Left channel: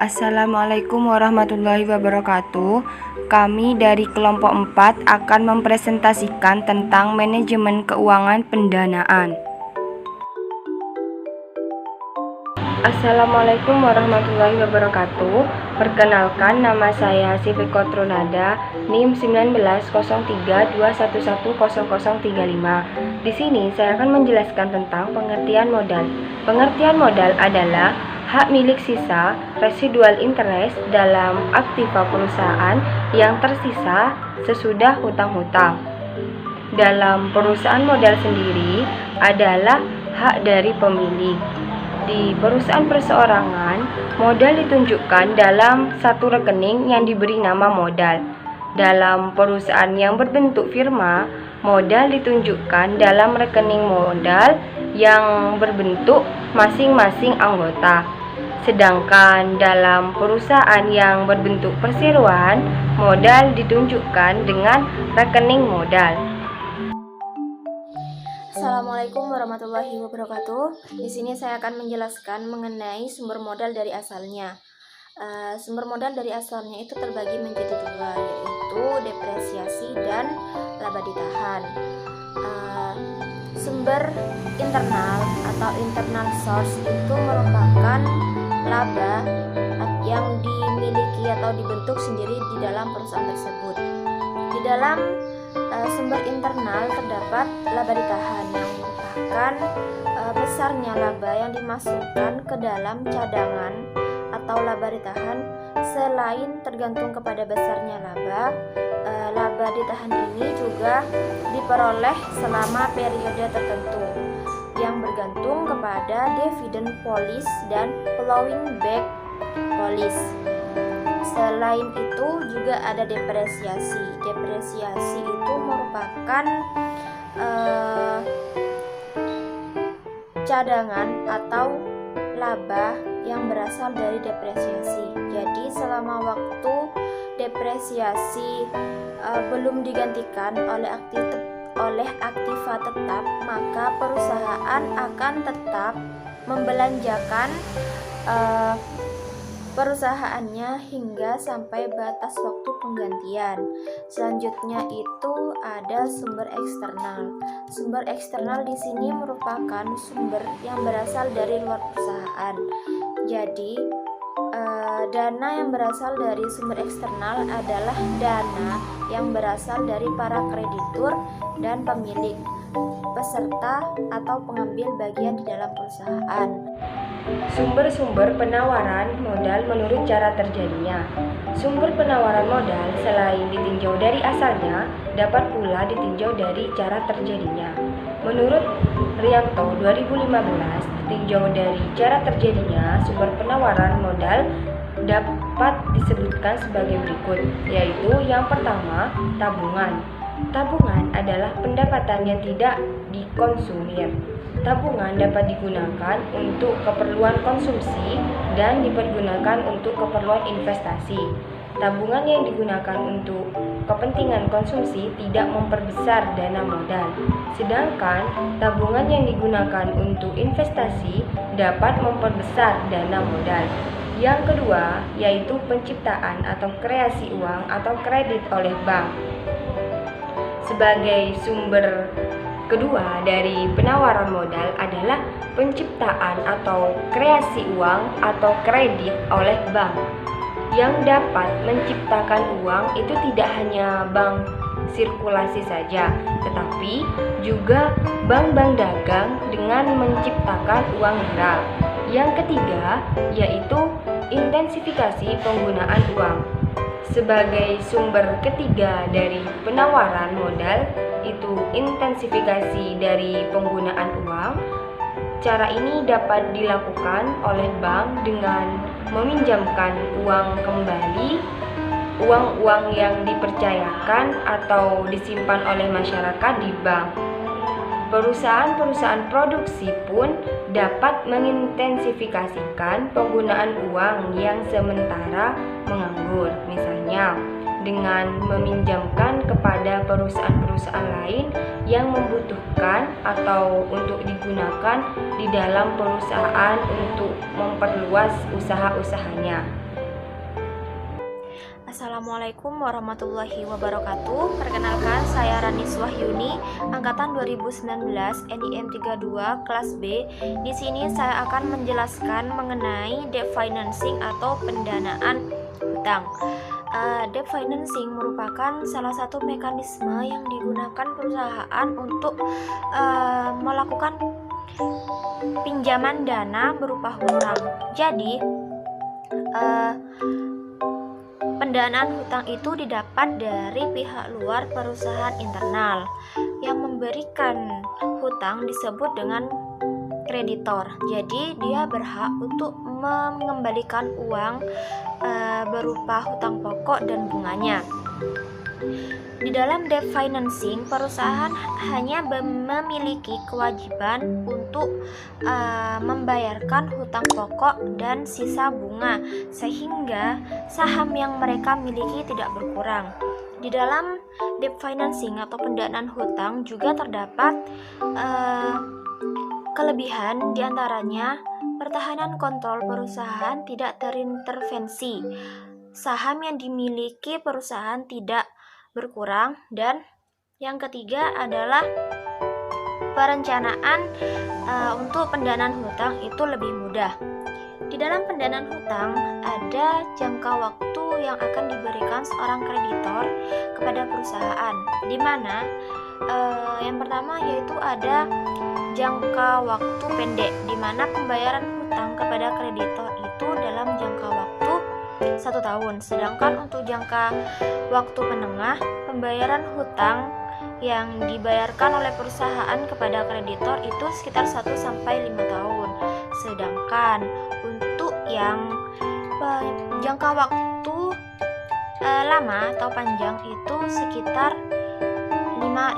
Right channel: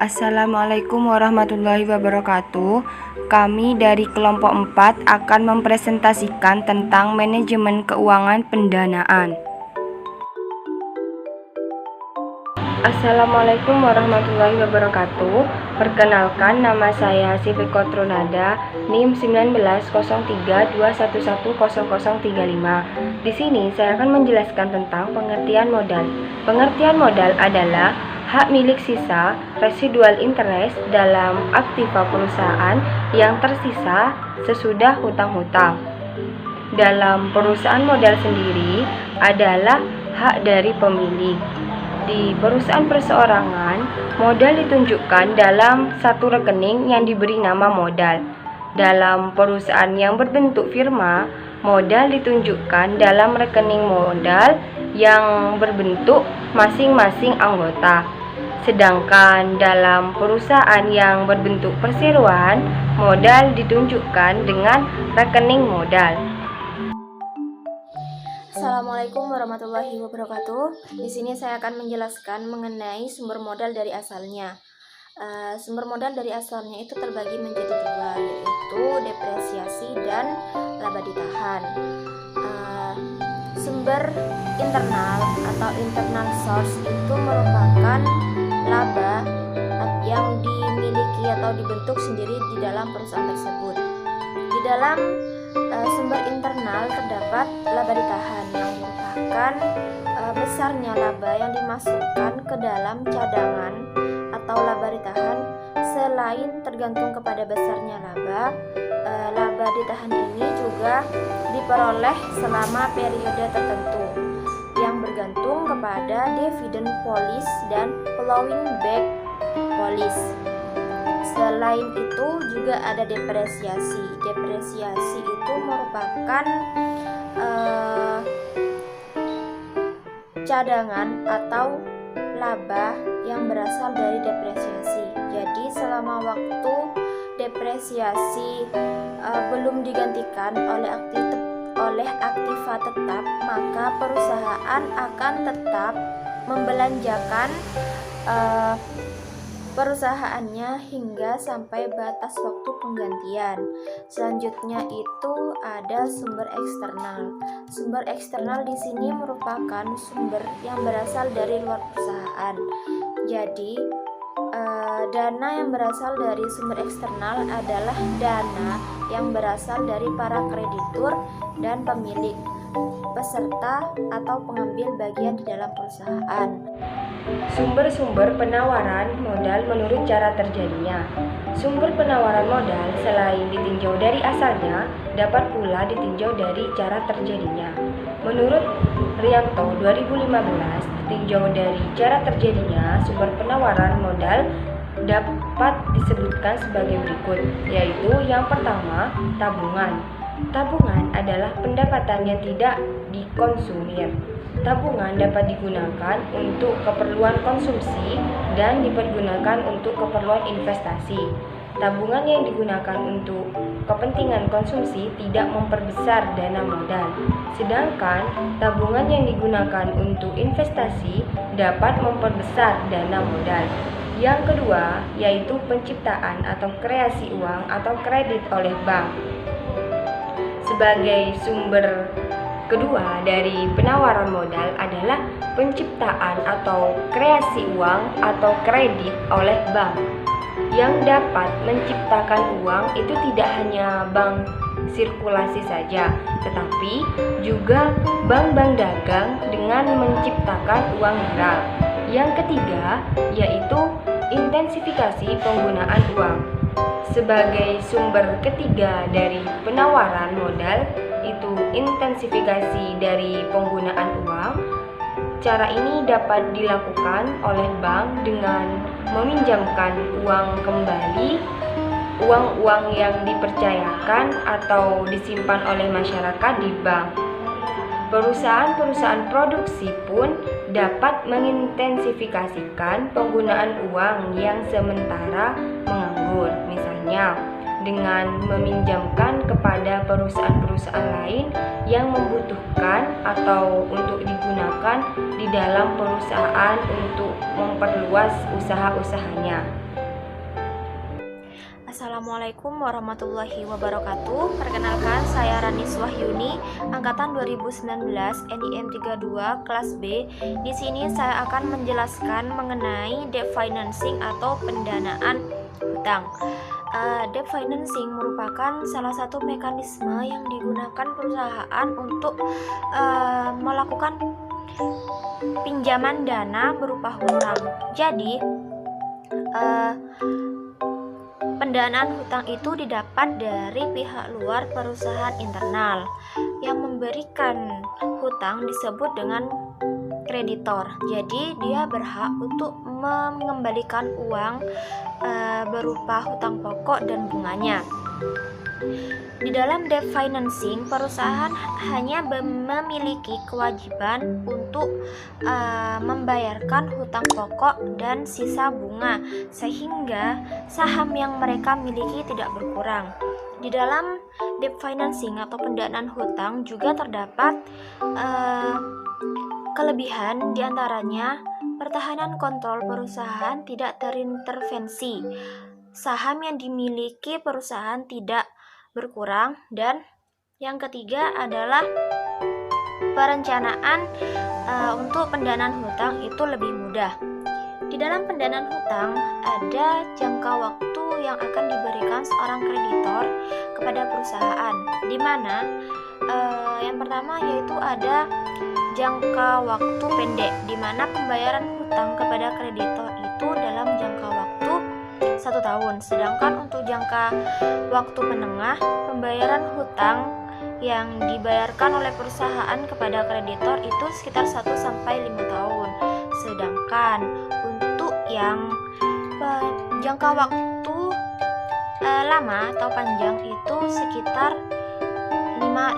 Assalamualaikum warahmatullahi wabarakatuh. Kami dari kelompok 4 akan mempresentasikan tentang manajemen keuangan pendanaan. Assalamualaikum warahmatullahi wabarakatuh. Perkenalkan, nama saya Sifik Kotrunada, NIM 190321100035. Di sini saya akan menjelaskan tentang pengertian modal. Pengertian modal adalah hak milik sisa residual interest dalam aktiva perusahaan yang tersisa sesudah hutang-hutang. Dalam perusahaan modal sendiri adalah hak dari pemilik. Di perusahaan perseorangan, modal ditunjukkan dalam satu rekening yang diberi nama modal. Dalam perusahaan yang berbentuk firma, modal ditunjukkan dalam rekening modal yang berbentuk masing-masing anggota. Sedangkan dalam perusahaan yang berbentuk perseroan, modal ditunjukkan dengan rekening modal. Assalamualaikum warahmatullahi wabarakatuh. Di sini saya akan menjelaskan mengenai sumber modal dari asalnya. Sumber modal dari asalnya itu terbagi menjadi dua, yaitu depresiasi dan laba ditahan. Sumber internal atau internal source itu merupakan laba yang dimiliki atau dibentuk sendiri di dalam perusahaan tersebut. Di dalam sumber internal terdapat laba ditahan yang merupakan besarnya laba yang dimasukkan ke dalam cadangan atau laba ditahan. Selain tergantung kepada besarnya laba, laba ditahan ini juga diperoleh selama periode tertentu yang bergantung kepada dividend policy dan plowing back policy. Selain itu juga ada depresiasi. Depresiasi itu merupakan cadangan atau laba yang berasal dari depresiasi. Jadi selama waktu depresiasi belum digantikan oleh aktiva tetap, maka perusahaan akan tetap membelanjakan perusahaannya hingga sampai batas waktu penggantian. Selanjutnya itu ada sumber eksternal. Sumber eksternal di sini merupakan sumber yang berasal dari luar perusahaan. Jadi dana yang berasal dari sumber eksternal adalah dana yang berasal dari para kreditur dan pemilik, peserta atau pengambil bagian di dalam perusahaan. Sumber-sumber penawaran modal menurut cara terjadinya. Sumber penawaran modal selain ditinjau dari asalnya, dapat pula ditinjau dari cara terjadinya. Menurut Rianto 2015, ditinjau dari cara terjadinya, sumber penawaran modal dapat disebutkan sebagai berikut, yaitu yang pertama, tabungan. Tabungan adalah pendapatan yang tidak dikonsumir. Tabungan dapat digunakan untuk keperluan konsumsi dan dipergunakan untuk keperluan investasi. Tabungan yang digunakan untuk kepentingan konsumsi tidak memperbesar dana modal, sedangkan tabungan yang digunakan untuk investasi dapat memperbesar dana modal. Yang kedua, yaitu penciptaan atau kreasi uang atau kredit oleh bank. Sebagai sumber kedua dari penawaran modal adalah penciptaan atau kreasi uang atau kredit oleh bank. Yang dapat menciptakan uang itu tidak hanya bank sirkulasi saja, tetapi juga bank-bank dagang dengan menciptakan uang real. Yang ketiga yaitu intensifikasi penggunaan uang. Sebagai sumber ketiga dari penawaran modal itu intensifikasi dari penggunaan uang. Cara ini dapat dilakukan oleh bank dengan meminjamkan uang kembali, uang-uang yang dipercayakan atau disimpan oleh masyarakat di bank. Perusahaan-perusahaan produksi pun dapat mengintensifikasikan penggunaan uang yang sementara menganggur, misalnya dengan meminjamkan kepada perusahaan-perusahaan lain yang membutuhkan atau untuk digunakan di dalam perusahaan untuk memperluas usaha-usahanya. Assalamualaikum warahmatullahi wabarakatuh. Perkenalkan, saya Ranis Wahyuni, angkatan 2019, NIM 32 kelas B. Di sini saya akan menjelaskan mengenai debt financing atau pendanaan hutang. Debt financing merupakan salah satu mekanisme yang digunakan perusahaan untuk melakukan pinjaman dana berupa hutang. Jadi, pendanaan hutang itu didapat dari pihak luar perusahaan internal. Yang memberikan hutang disebut dengan kreditor. Jadi dia berhak untuk mengembalikan uang berupa hutang pokok dan bunganya. Di dalam debt financing, perusahaan hanya memiliki kewajiban untuk membayarkan hutang pokok dan sisa bunga, sehingga saham yang mereka miliki tidak berkurang. Di dalam debt financing atau pendanaan hutang juga terdapat kelebihan, diantaranya pertahanan kontrol perusahaan tidak terintervensi, saham yang dimiliki perusahaan tidak berkurang, dan yang ketiga adalah perencanaan untuk pendanaan hutang itu lebih mudah. Di dalam pendanaan hutang ada jangka waktu yang akan diberikan seorang kreditor kepada perusahaan, di mana yang pertama yaitu ada jangka waktu pendek, di mana pembayaran hutang kepada kreditor itu dalam jangka waktu 1 tahun. Sedangkan untuk jangka waktu menengah, pembayaran hutang yang dibayarkan oleh perusahaan kepada kreditor itu sekitar 1-5 tahun. Sedangkan untuk yang jangka waktu lama atau panjang itu sekitar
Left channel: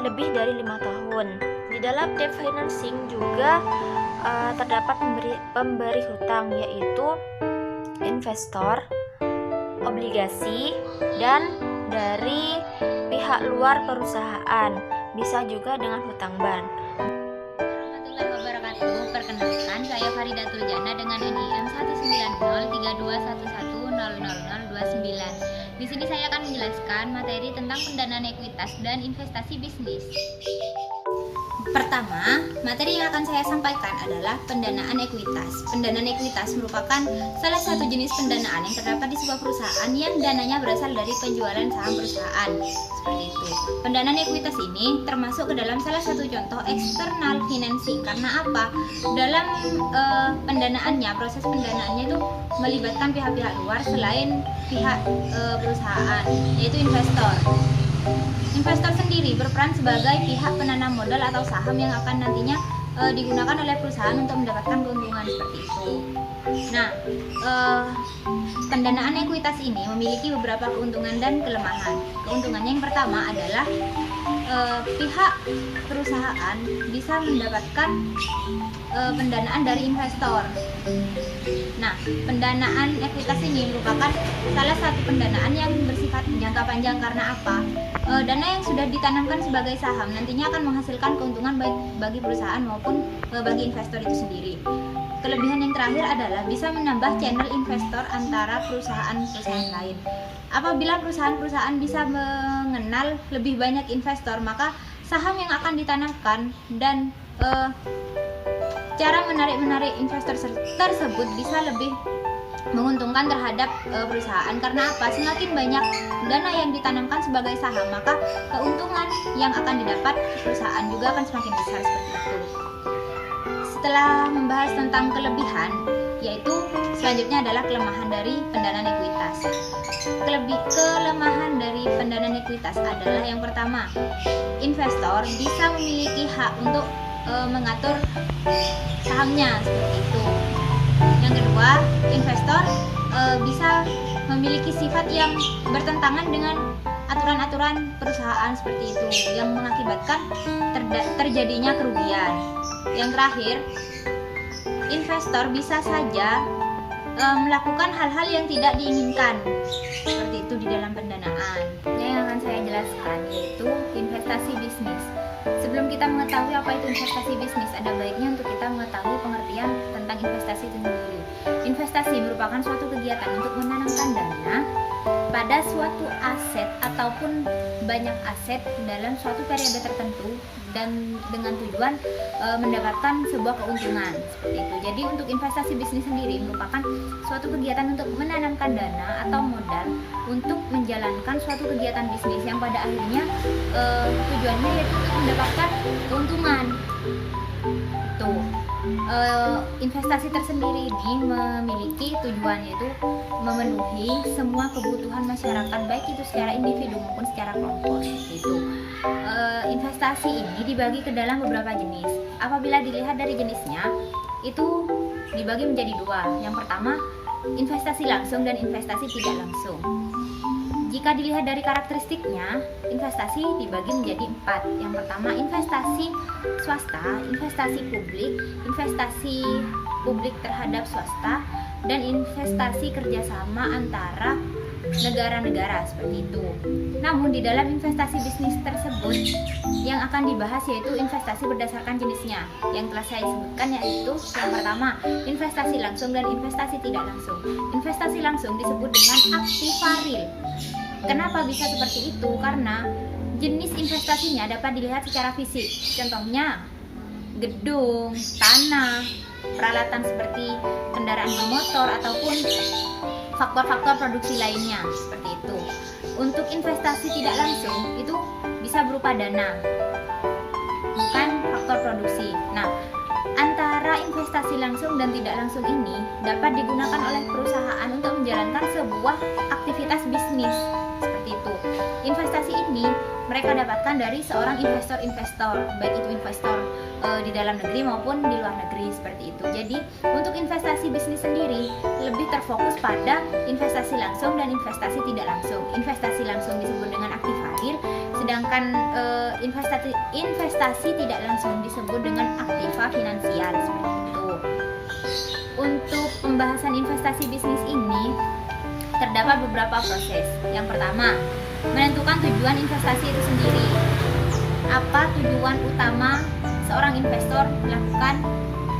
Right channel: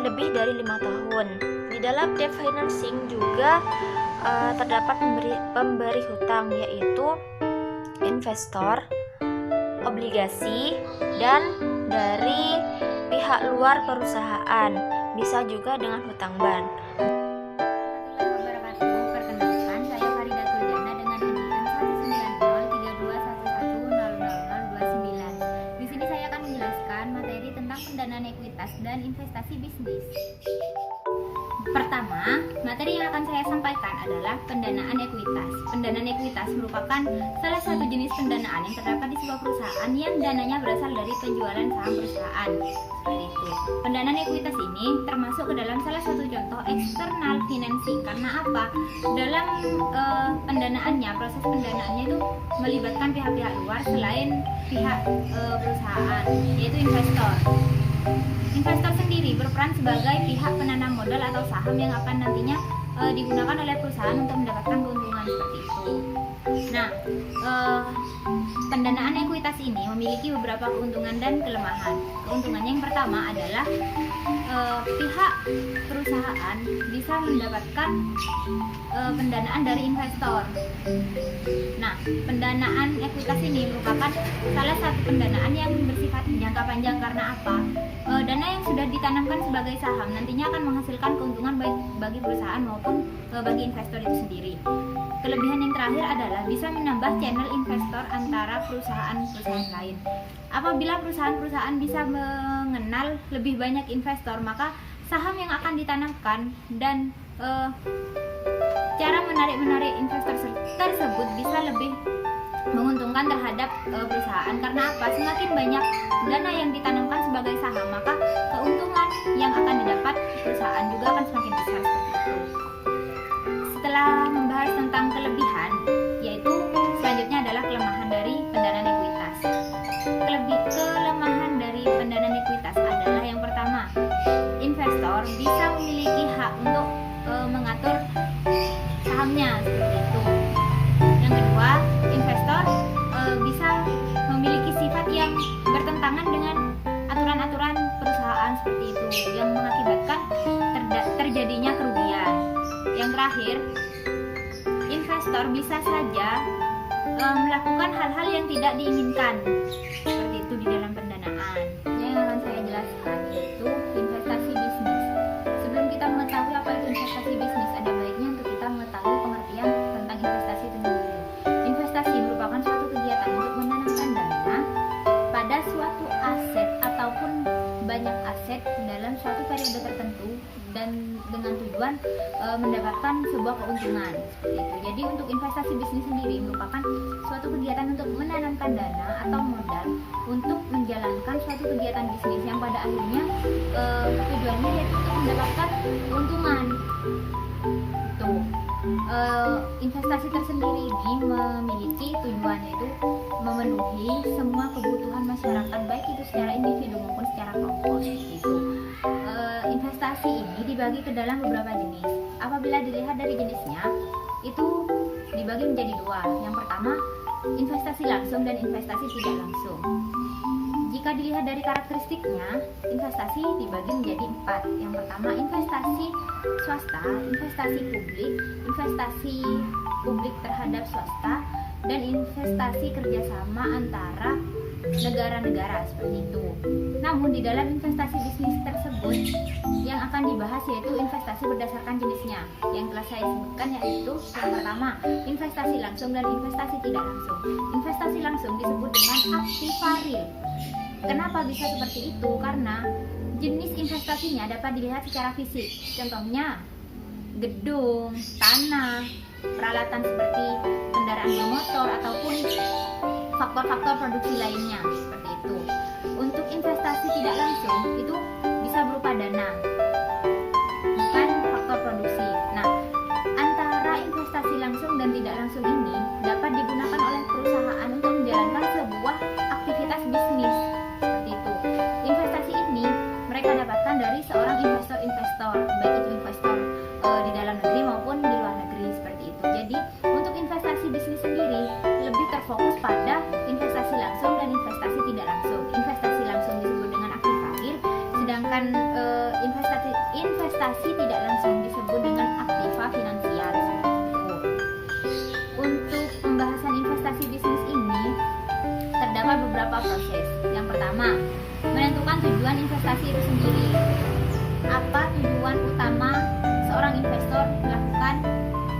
lebih dari 5 tahun. Di dalam debt financing juga terdapat pemberi hutang, yaitu investor, obligasi, dan dari pihak luar perusahaan, bisa juga dengan hutang bank. Warahmatullahi wabarakatuh. Perkenalkan, saya Faridatul Jana dengan NIM 1903211000029. Di sini saya akan menjelaskan materi tentang pendanaan ekuitas dan investasi bisnis. Pertama, materi yang akan saya sampaikan adalah pendanaan ekuitas. Pendanaan ekuitas merupakan salah satu jenis pendanaan yang terdapat di sebuah perusahaan yang dananya berasal dari penjualan saham perusahaan. Seperti itu. Pendanaan ekuitas ini termasuk ke dalam salah satu contoh external financing. Karena apa? Dalam pendanaannya, proses pendanaannya itu melibatkan pihak-pihak luar selain pihak perusahaan, yaitu investor. Investor sendiri berperan sebagai pihak penanam modal atau saham yang akan nantinya digunakan oleh perusahaan untuk mendapatkan keuntungan seperti itu. Nah, pendanaan ekuitas ini memiliki beberapa keuntungan dan kelemahan. Keuntungannya yang pertama adalah pihak perusahaan bisa mendapatkan pendanaan dari investor. Nah, pendanaan ekuitas ini merupakan salah satu pendanaan yang bersifat jangka panjang. Karena apa? Dana yang sudah ditanamkan sebagai saham nantinya akan menghasilkan keuntungan baik bagi perusahaan maupun bagi investor itu sendiri. Kelebihan yang terakhir adalah bisa menambah channel investor antara perusahaan-perusahaan lain. Apabila perusahaan-perusahaan bisa mengenal lebih banyak investor, maka saham yang akan ditanamkan dan cara menarik investor tersebut bisa lebih menguntungkan terhadap perusahaan. Karena apa? Semakin banyak dana yang ditanamkan sebagai saham, maka keuntungan yang akan didapat perusahaan juga akan semakin besar seperti itu. Setelah membahas tentang kelebihan, yaitu selanjutnya adalah kelemahan dari pendanaan ekuitas. Kelemahan dari pendanaan ekuitas adalah yang pertama, investor bisa memiliki hak untuk mengatur sahamnya seperti itu. Yang kedua, investor bisa memiliki sifat yang bertentangan dengan aturan-aturan perusahaan seperti itu, yang mengakibatkan terjadinya kerugian. Yang terakhir, investor bisa saja melakukan hal-hal yang tidak diinginkan seperti itu di dalam pendanaan. Yang akan saya jelaskan yaitu investasi bisnis. Sebelum kita mengetahui apa itu investasi bisnis, ada baiknya untuk kita mengetahui pengertian tentang investasi itu sendiri. Investasi merupakan suatu kegiatan untuk menanamkan dana pada suatu aset ataupun banyak aset dalam suatu periode tertentu dan dengan tujuan mendapatkan sebuah keuntungan seperti itu. Jadi untuk investasi bisnis sendiri merupakan suatu kegiatan untuk menanamkan dana atau modal untuk menjalankan suatu kegiatan bisnis yang pada akhirnya tujuannya yaitu untuk mendapatkan keuntungan. Tuh. Investasi tersendiri ini memiliki tujuan yaitu memenuhi semua kebutuhan masyarakat baik itu secara individu maupun secara kelompok itu. Investasi ini dibagi ke dalam beberapa jenis. Apabila dilihat dari jenisnya itu dibagi menjadi dua. Yang pertama investasi langsung dan investasi tidak langsung. Jika dilihat dari karakteristiknya, investasi dibagi menjadi 4. Yang pertama, investasi swasta, investasi publik terhadap swasta, dan investasi kerjasama antara negara-negara seperti itu. Namun di dalam investasi bisnis tersebut yang akan dibahas yaitu investasi berdasarkan jenisnya. Yang telah saya sebutkan yaitu yang pertama, investasi langsung dan investasi tidak langsung. Investasi langsung disebut dengan aktiva real. Kenapa bisa seperti itu? Karena jenis investasinya dapat dilihat secara fisik. Contohnya gedung, tanah, peralatan seperti kendaraan bermotor ataupun faktor-faktor produksi lainnya seperti itu. Untuk investasi tidak langsung itu bisa berupa dana, bukan faktor produksi. Nah, antara investasi langsung dan tidak langsung ini dapat digunakan oleh perusahaan untuk menjalankan sebuah aktivitas bisnis seperti itu. Investasi ini mereka dapatkan dari seorang investor-investor, baik itu investor di dalam negeri maupun di luar negeri seperti itu. Jadi untuk investasi bisnis sendiri lebih terfokus pada investasi langsung dan investasi tidak langsung. Investasi langsung disebut dengan aktiva real, sedangkan investasi tidak langsung disebut dengan aktiva finansial seperti itu. Untuk pembahasan investasi bisnis ini terdapat beberapa proses. Yang pertama, menentukan tujuan investasi itu sendiri. Apa tujuan utama seorang investor melakukan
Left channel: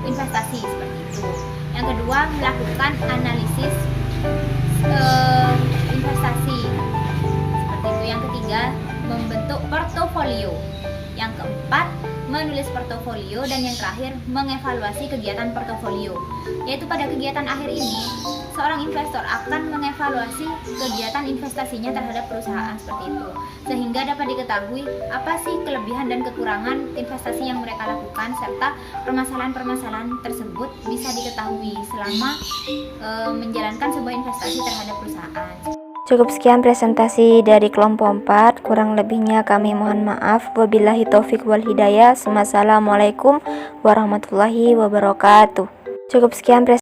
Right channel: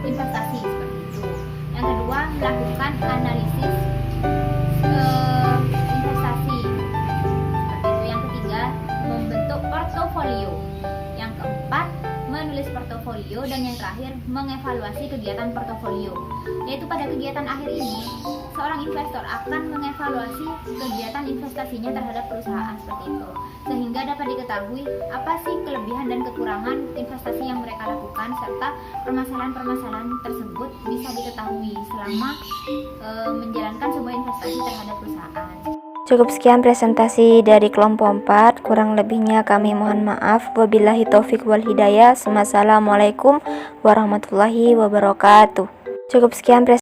investasi seperti itu. Yang kedua, melakukan analisis investasi seperti itu. Yang ketiga, membentuk portofolio. Yang keempat, menulis portofolio, dan yang terakhir mengevaluasi kegiatan portofolio. Yaitu pada kegiatan akhir ini, seorang investor akan mengevaluasi kegiatan investasinya terhadap perusahaan seperti itu, sehingga dapat diketahui apa sih kelebihan dan kekurangan investasi yang mereka lakukan, serta permasalahan-permasalahan tersebut bisa diketahui selama menjalankan sebuah investasi terhadap perusahaan. Cukup sekian presentasi dari kelompok 4, kurang lebihnya kami mohon maaf. Wabillahi taufik wal hidayah. Wassalamualaikum warahmatullahi wabarakatuh. Cukup sekian presentasi